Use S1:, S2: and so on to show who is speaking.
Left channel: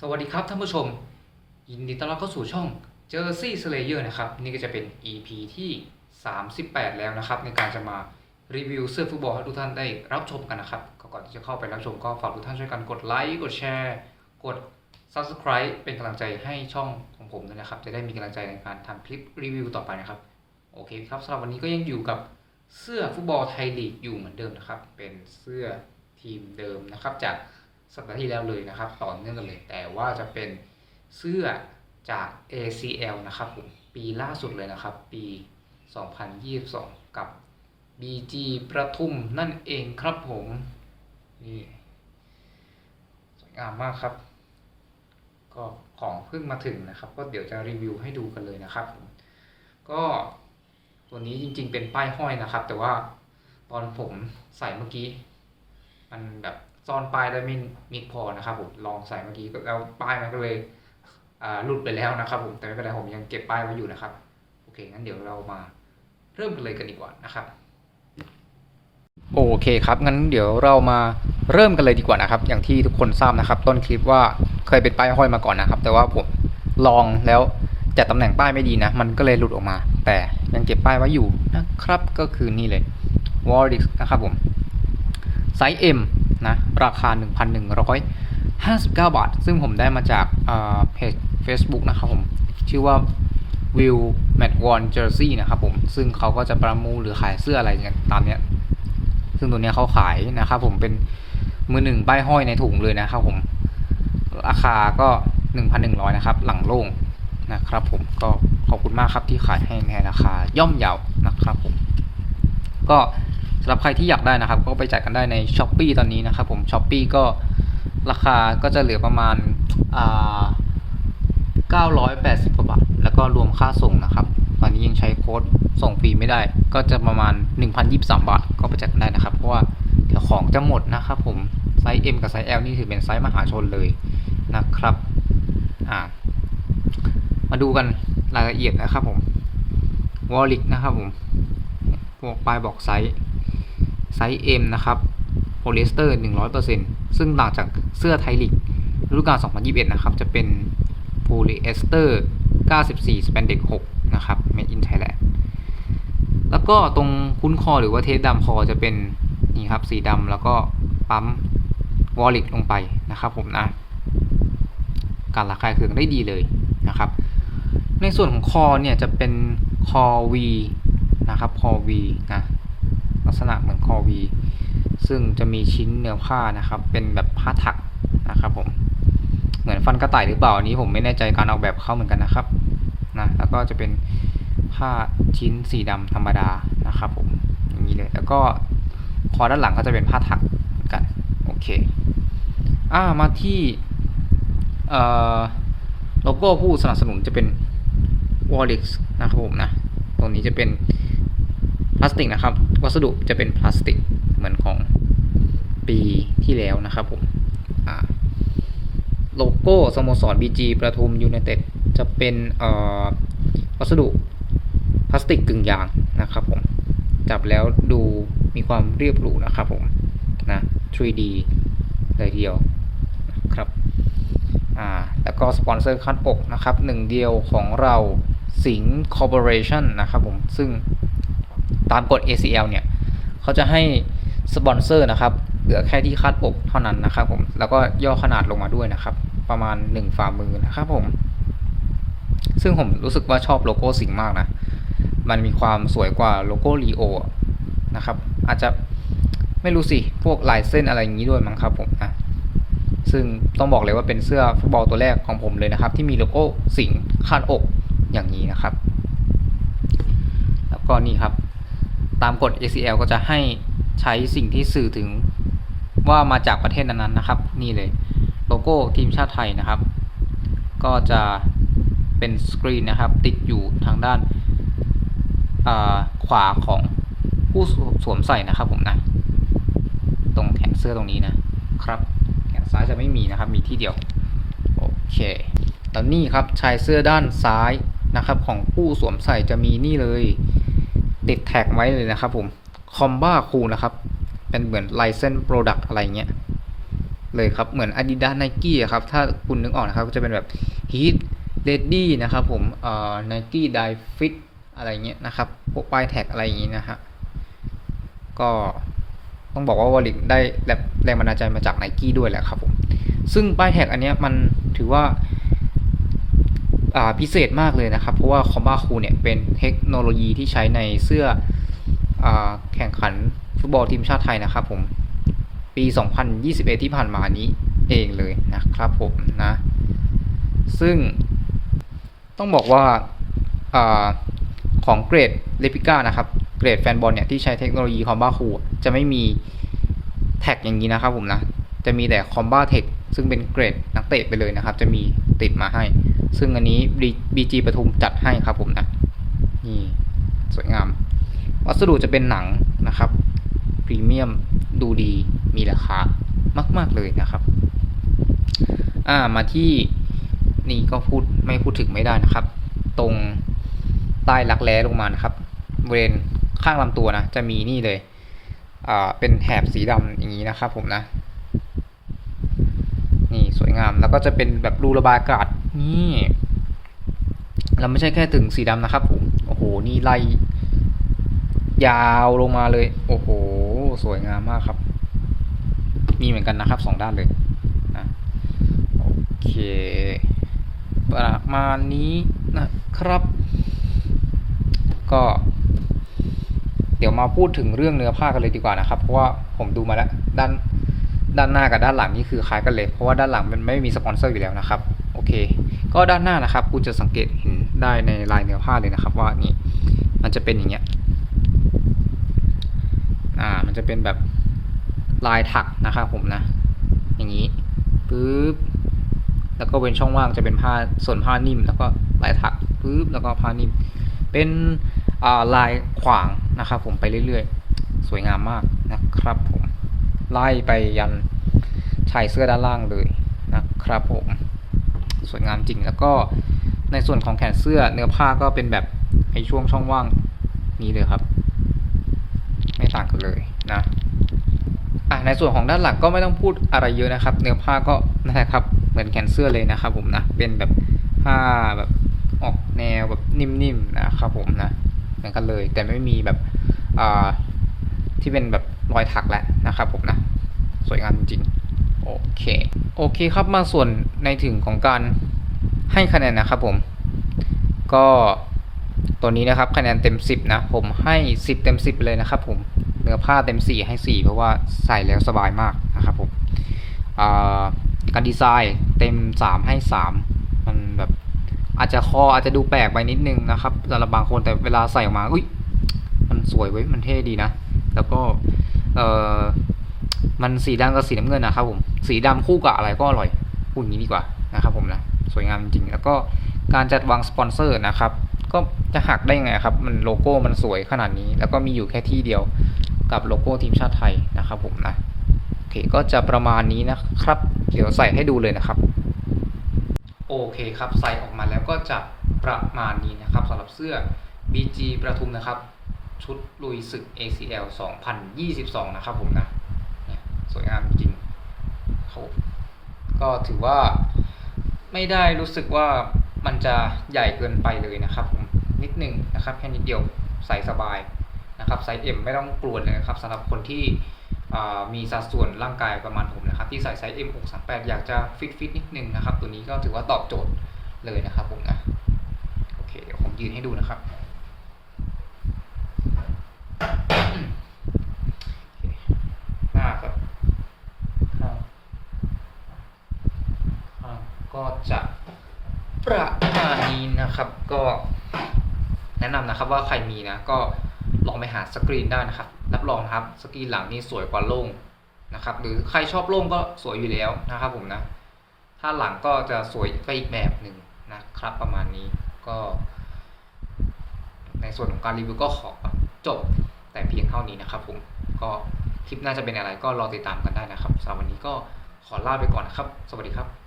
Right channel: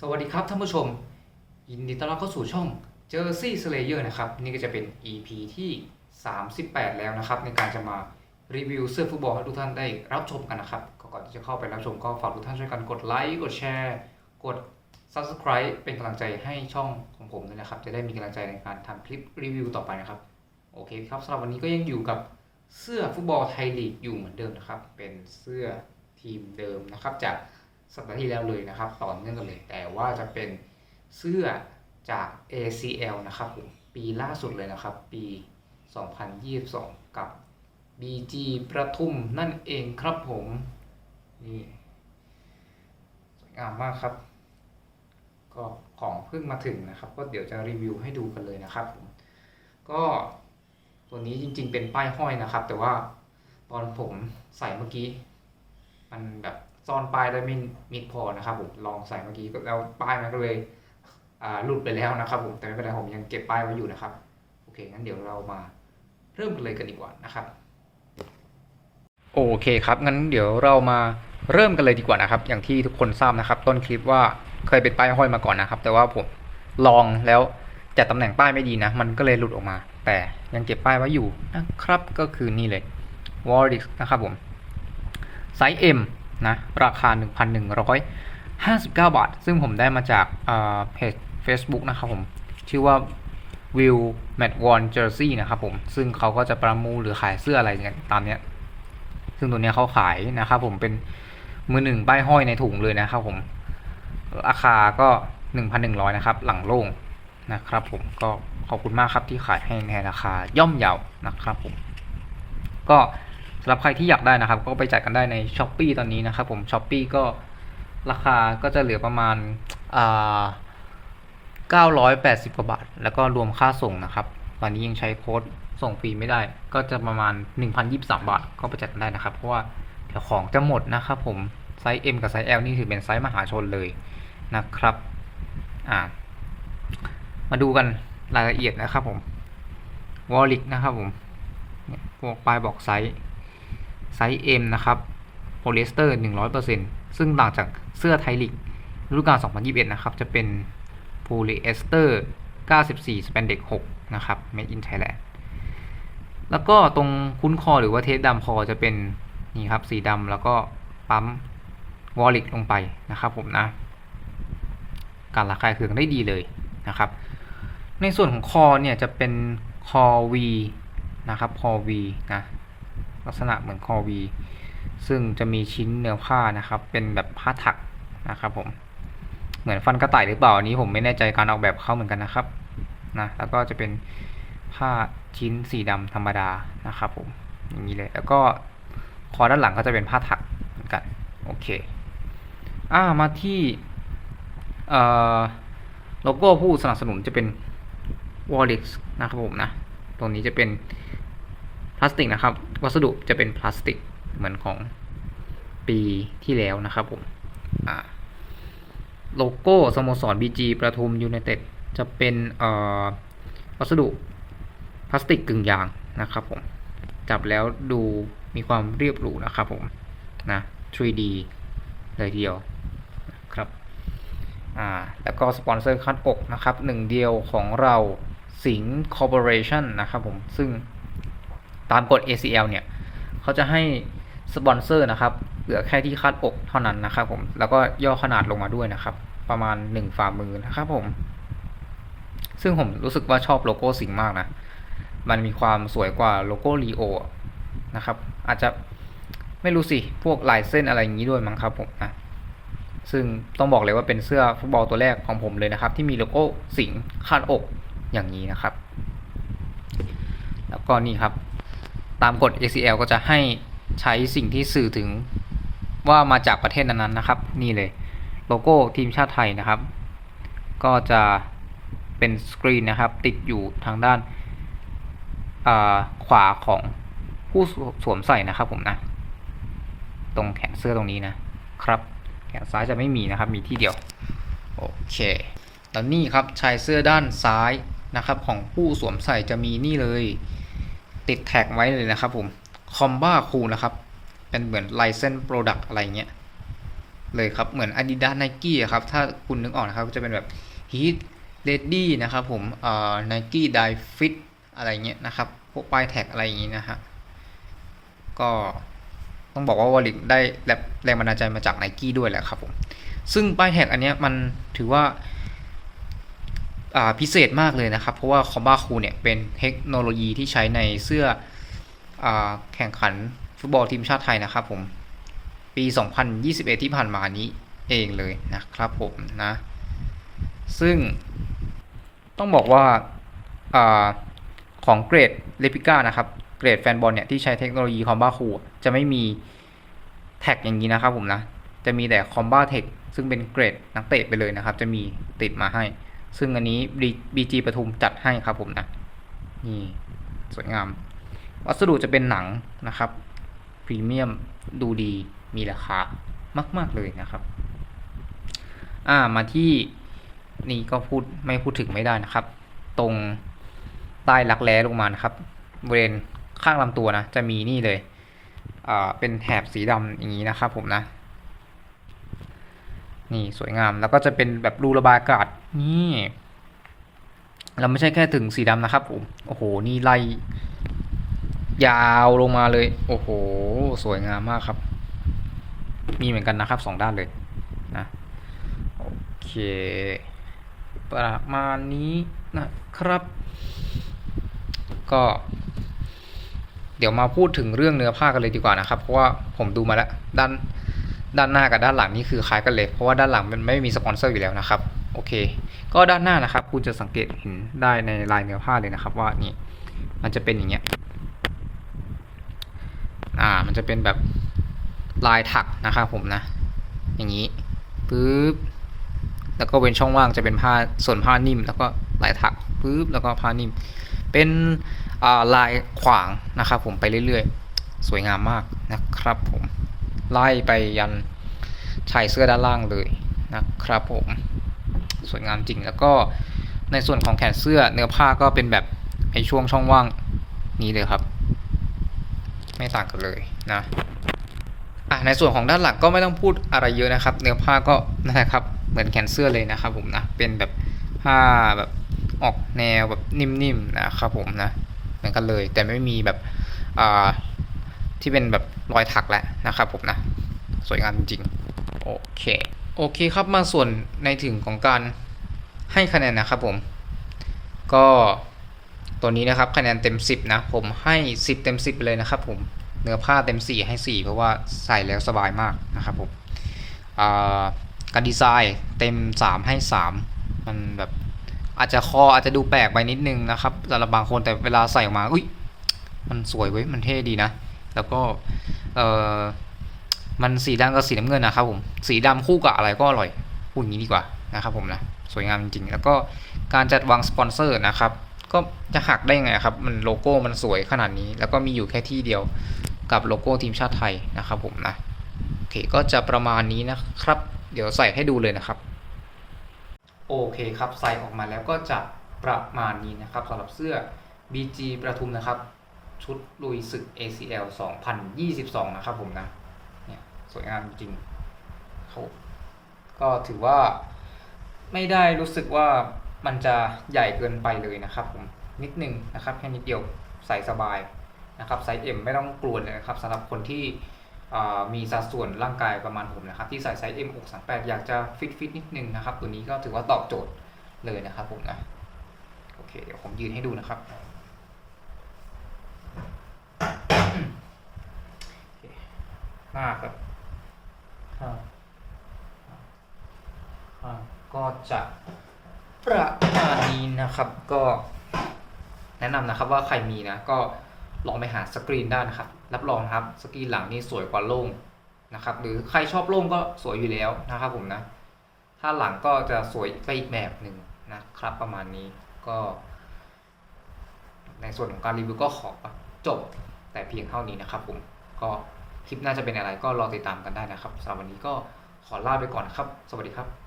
S1: สวัสดีครับท่านผู้ชม ยินดีต้อนรับเข้าสู่ช่อง Jersey Slayer นะครับ นี่ก็จะเป็น EP ที่ 38 แล้วนะครับ ในการจะมารีวิวเสื้อฟุตบอลให้ทุกท่านได้รับชมกันนะครับ ก่อนที่จะเข้าไปรับชมก็ฝากทุกท่านช่วยกันกดไลค์กดแชร์กด Subscribe เป็นกำลังใจให้ช่องของผมด้วยนะครับ จะได้มีกำลังใจในการทำคลิปรีวิวต่อไปนะครับ โอเคครับสำหรับวันนี้ก็ยังอยู่กับเสื้อฟุตบอลไทยลีกอยู่เหมือนเดิมนะครับ เป็นเสื้อทีมเดิมนะครับจาก สัปดาห์ที่แล้วเลยนะครับ ต่อเนื่องกันเลย แต่ว่าจะเป็นเสื้อจาก ACL นะครับผมปีล่าสุดเลยนะครับ ปี 2022 กับ BG ประทุมนั่นเองครับผมนี่สวยงามมากครับ ก็ของเพิ่งมาถึงนะครับ ก็เดี๋ยวจะรีวิวให้ดูกันเลยนะครับผมก็ตัวนี้จริงๆเป็นป้ายห้อยนะครับ แต่ว่าตอนผมใส่เมื่อกี้ มันแบบ ซ่อนป้ายได้ไม่มิดพอนะครับผมลองใส่เมื่อกี้แล้วป้ายมันก็เลยหลุดไปแล้วนะครับผมแต่ไม่เป็นไรผมยังเก็บป้ายไว้อยู่นะครับโอเคงั้นเดี๋ยวเรามาเริ่มกันเลยกันดีกว่านะครับ โอเคครับงั้นเดี๋ยวเรามาเริ่มกันเลยดีกว่านะครับ อย่างที่ทุกคนทราบนะครับ ต้นคลิปว่าเคยเป็นป้ายห้อยมาก่อนนะครับ แต่ว่าผมลองแล้วจัดตำแหน่งป้ายไม่ดีนะ มันก็เลยหลุดออกมา แต่ยังเก็บป้ายไว้อยู่นะครับ ก็คือนี่เลย w a r d i x นะครับผมไซส์ M นะราคา 1,159 บาท ซึ่งผมได้มาจากเพจ Facebook นะครับผมชื่อว่า Will Matt Worn Jersey นะครับผมซึ่งเขาก็จะประมูลหรือขายเสื้ออะไรกันตามเนี้ยซึ่งตัวเนี้ยเขาขายนะครับผมเป็นมือหนึ่งป้ายห้อยในถุงเลยนะครับผมราคาก็ 1,100 นะครับ หลังโล่งนะครับผมก็ขอบคุณมากครับที่ขายให้ในราคาย่อมเยาวนะครับผมก็ สำหรับใครที่อยากได้นะครับ ก็ไปจัดกันได้ใน s h อ p e e ตอนนี้นะครับผม s h อ p e e ก็ราคาก็จะเหลือประมาณอ่า980กว่าบาท แล้วก็รวมค่าส่งนะครับ ตอนนี้ยังใช้โค้ดส่งฟรีไม่ได้ ก็จะประมาณ 1,023 บาท ก็ไปจัดกันได้นะครับ เพราะว่าเดี๋ยวของจะหมดนะครับผมไซส์ M กับไซส์ L นี่ถือเป็นไซส์มหาชนเลยนะครับอ่ามาดูกันรายละเอียดนะครับผมวอลลิกนะครับผมพวกปลายบอกไซส์ ไซส์ M นะครับโพลีเอสเตอร์ 100%ซึ่งต่างจากเสื้อไทยลีกฤดูกาล 2021 นะครับ จะเป็นโพลีเอสเตอร์ 94 สเปนเด็ก6นะครับ Made in Thailand แล้วก็ตรงคุ้นคอหรือว่าเทสดำคอจะเป็นนี่ครับสีดำแล้วก็ปั๊มวอลลิกลงไปนะครับผมนะ การระคายเคืองได้ดีเลยนะครับ ในส่วนของคอเนี่ยจะเป็นคอ V นะครับคอ V นะ ลักษณะเหมือนคอ V ซึ่งจะมีชิ้นเนื้อผ้านะครับ เป็นแบบผ้าถักนะครับผมเหมือนฟันกระต่ายหรือเปล่าอันนี้ผมไม่แน่ใจการออกแบบเขาเหมือนกันนะครับนะแล้วก็จะเป็นผ้าชิ้นสีดำธรรมดานะครับผมอย่างนี้เลย แล้วก็คอด้านหลังก็จะเป็นผ้าถักเหมือนกันโอเคอ่ามาที่เอ่อโลโก้ผู้สนับสนุนจะเป็น w a l l i x นะครับผมนะตรงนี้จะเป็น พลาสติกนะครับ วัสดุจะเป็นพลาสติกเหมือนของปีที่แล้วนะครับผมโลโก้สโมสร BG ประทุมยูไนเต็ดจะเป็นวัสดุพลาสติกกึ่งยางนะครับผม จับแล้วดูมีความเรียบหรูนะครับผมนะ 3D เลยทีเดียวครับอ่าแล้วก็สปอนเซอร์คัดอกนะครับหนึ่งเดียวของเราสิงห์คอร์ปอเรชั่นนะครับผม ซึ่ง ตามกฎ ACL เนี่ยเขาจะให้สปอนเซอร์นะครับ เหลือแค่ที่คาดอกเท่านั้นนะครับผมแล้วก็ย่อขนาดลงมาด้วยนะครับ ประมาณ 1 ฝ่ามือนะครับผม ซึ่งผมรู้สึกว่าชอบโลโก้สิงมากนะ มันมีความสวยกว่าโลโก้ลีโอนะครับ อาจจะไม่รู้สิ พวกลายเส้นอะไรอย่างนี้ด้วยมั้งครับผมนะซึ่งต้องบอกเลยว่าเป็นเสื้อฟุตบอลตัวแรกของผมเลยนะครับ ที่มีโลโก้สิงคาดอกอย่างนี้นะครับ แล้วก็นี่ครับ ตามกฎ ACL ก็จะให้ใช้สิ่งที่สื่อถึงว่ามาจากประเทศนั้นๆนะครับ นี่เลยโลโก้ทีมชาติไทยนะครับ ก็จะเป็นสกรีนนะครับ ติดอยู่ทางด้านขวาของผู้สวมใส่นะครับผมนะ ตรงแขนเสื้อตรงนี้นะครับ แขนซ้ายจะไม่มีนะครับ มีที่เดียว โอเคแล้วนี่ครับชายเสื้อด้านซ้ายนะครับ ของผู้สวมใส่จะมีนี่เลย ติดแท็กไว้เลยนะครับผมคอมบ้าคูนะครับ เป็นเหมือนไลเซนโปรดักอะไรเงี้ยเลยครับ เหมือน Adidas Nike อะครับ ถ้าคุณนึกออกนะครับก็จะเป็นแบบ Heat Ready นะครับผมเอ่อ Nike Dive Fit อะไรเงี้ยนะครับ พวกป้ายแท็กอะไรอย่างงี้นะฮะ ก็ต้องบอกว่าวอลิกได้แรงบันดาลใจมาจาก Nike ด้วยแหละครับผม ซึ่งป้ายแท็กอันเนี้ยมันถือว่า พิเศษมากเลยนะครับ เพราะว่าคอมบ้าคูเนี่ยเป็นเทคโนโลยีที่ใช้ในเสื้ออแข่งขันฟุตบอลทีมชาติไทยนะครับผมปี 2021 ที่ผ่านมานี้เองเลยนะครับผมนะ ซึ่งต้องบอกว่าอของเกรดเลปิก้านะครับเกรดแฟนบอลเนี่ยที่ใช้เทคโนโลยีคอมบ้าคูจะไม่มีแท็กอย่างนี้นะครับผมนะ จะมีแต่คอมบ้าเทคซึ่งเป็นเกรดนักเตะไปเลยนะครับ จะมีติดมาให้ ซึ่งอันนี้ BG ปทุมจัดให้ครับผมนะนี่สวยงาม วัสดุจะเป็นหนังนะครับพรีเมียมดูดีมีราคามาก ๆ เลยนะครับ อ่ามาที่นี่ก็พูดไม่พูดถึงไม่ได้นะครับ ตรงใต้รักแร้ลงมานะครับบริเวณข้างลำตัวนะ จะมีนี่เลยอ่าเป็นแถบสีดำอย่างนี้นะครับผมนะ นี่สวยงามแล้วก็จะเป็นแบบรูระบายอากาศ นี่เราไม่ใช่แค่ถึงสีดำนะครับผมโอ้โห นี่ไล่ยาวลงมาเลย โอ้โห สวยงามมากครับ มีเหมือนกันนะครับสองด้านเลยนะโอเค ประมาณนี้นะครับ ก็ เดี๋ยวมาพูดถึงเรื่องเนื้อผ้ากันเลยดีกว่านะครับ เพราะว่าผมดูมาแล้วด้านด้านหน้ากับด้านหลังนี่คือคล้ายกันเลย เพราะว่าด้านหลังมันไม่มีสปอนเซอร์อยู่แล้วนะครับ โอเค ก็ด้านหน้านะครับ คุณจะสังเกตเห็นได้ในลายเนื้อผ้าเลยนะครับ ว่านี่มันจะเป็นอย่างเงี้ยอ่า มันจะเป็นแบบลายถักนะครับผมนะ อย่างนี้ปึ๊บแล้วก็เป็นช่องว่างจะเป็นผ้าส่วนผ้านิ่ม แล้วก็ลายถักปึ๊บแล้วก็ผ้านิ่ม เป็นอ่าลายขวางนะครับผมไปเรื่อยๆ สวยงามมากนะครับผมไล่ไปยันชายเสื้อด้านล่างเลยนะครับผม สวยงามจริง แล้วก็ในส่วนของแขนเสื้อเนื้อผ้าก็เป็นแบบไอช่วงช่องว่างนี้เลยครับ ไม่ต่างกันเลยนะอะในส่วนของด้านหลังก็ไม่ต้องพูดอะไรเยอะนะครับ เนื้อผ้าก็นะครับเหมือนแขนเสื้อเลยนะครับผมนะเป็นแบบผ้าแบบออกแนวแบบนิ่มๆนะครับผมนะเหมือนกันเลย แต่ไม่มีแบบอ่าที่เป็นแบบรอยถักแล้วนะครับผมนะ สวยงามจริง โอเค โอเคครับมาส่วนในถึงของการให้คะแนนนะครับผม ก็ตัวนี้นะครับคะแนนเต็ม 10 นะ ผมให้ 10 เต็ม 10 เลยนะครับผมเนื้อผ้าเต็ม 4 ให้ 4 เพราะว่าใส่แล้วสบายมากนะครับผมการดีไซน์เต็ม 3 ให้ 3 มันแบบอาจจะคออาจจะดูแปลกไปนิดนึงนะครับสำหรับบางคนแต่เวลาใส่ออกมาอุ้ยมันสวยเว้ยมันเท่ดีนะ แล้วก็เออ มันสีดำกับสีน้ำเงินนะครับผมสีดำคู่กับอะไรก็อร่อยพูดอย่างนี้ดีกว่านะครับผมนะสวยงามจริงๆแล้วก็การจัดวางสปอนเซอร์นะครับก็จะหักได้ไงครับ มันโลโก้มันสวยขนาดนี้ แล้วก็มีอยู่แค่ที่เดียวกับโลโก้ทีมชาติไทยนะครับผมนะโอเคก็จะประมาณนี้นะครับ เดี๋ยวใส่ให้ดูเลยนะครับ โอเคครับใส่ออกมาแล้วก็จะประมาณนี้นะครับสำหรับเสื้อ BG ประทุมนะครับ ชุดลุยศึก ACL 2022 นะครับผมนะ วยงามจริงเขาก็ถือว่าไม่ได้รู้สึกว่ามันจะใหญ่เกินไปเลยนะครับผมนิดนึงนะครับแค่นิดเดียวใส่สบายนะครับไซส์ M ไม่ต้องกลัวเลยนะครับสำหรับคนที่มีสัดส่วนร่างกายประมาณผมนะครับที่ใส่ไซส์ M 638อยากจะฟิตฟิตนิดนึงนะครับ ตัวนี้ก็ถือว่าตอบโจทย์เลยนะครับผมนะโอเคเดี๋ยวผมยืนให้ดูนะครับ หน้าครับข้างข้าง ก็จะประมาณนี้นะครับก็แนะนำนะครับว่าใครมีนะก็ลองไปหาสกรีนได้นะครับ รับรองนะครับสกรีนหลังนี่สวยกว่าโล่งนะครับ หรือใครชอบโล่งก็สวยอยู่แล้วนะครับผมนะ ถ้าหลังก็จะสวยไปอีกแบบหนึ่งนะครับ ประมาณนี้ก็ ในส่วนของการรีวิวก็ขอจบแต่เพียงเท่านี้นะครับ ผมก็คลิปหน่าจะเป็นอะไรก็รอติดตามกันได้นะครับสำหรับวันนี้ก็ขอลาไปก่อนนะครับ สวัสดีครับ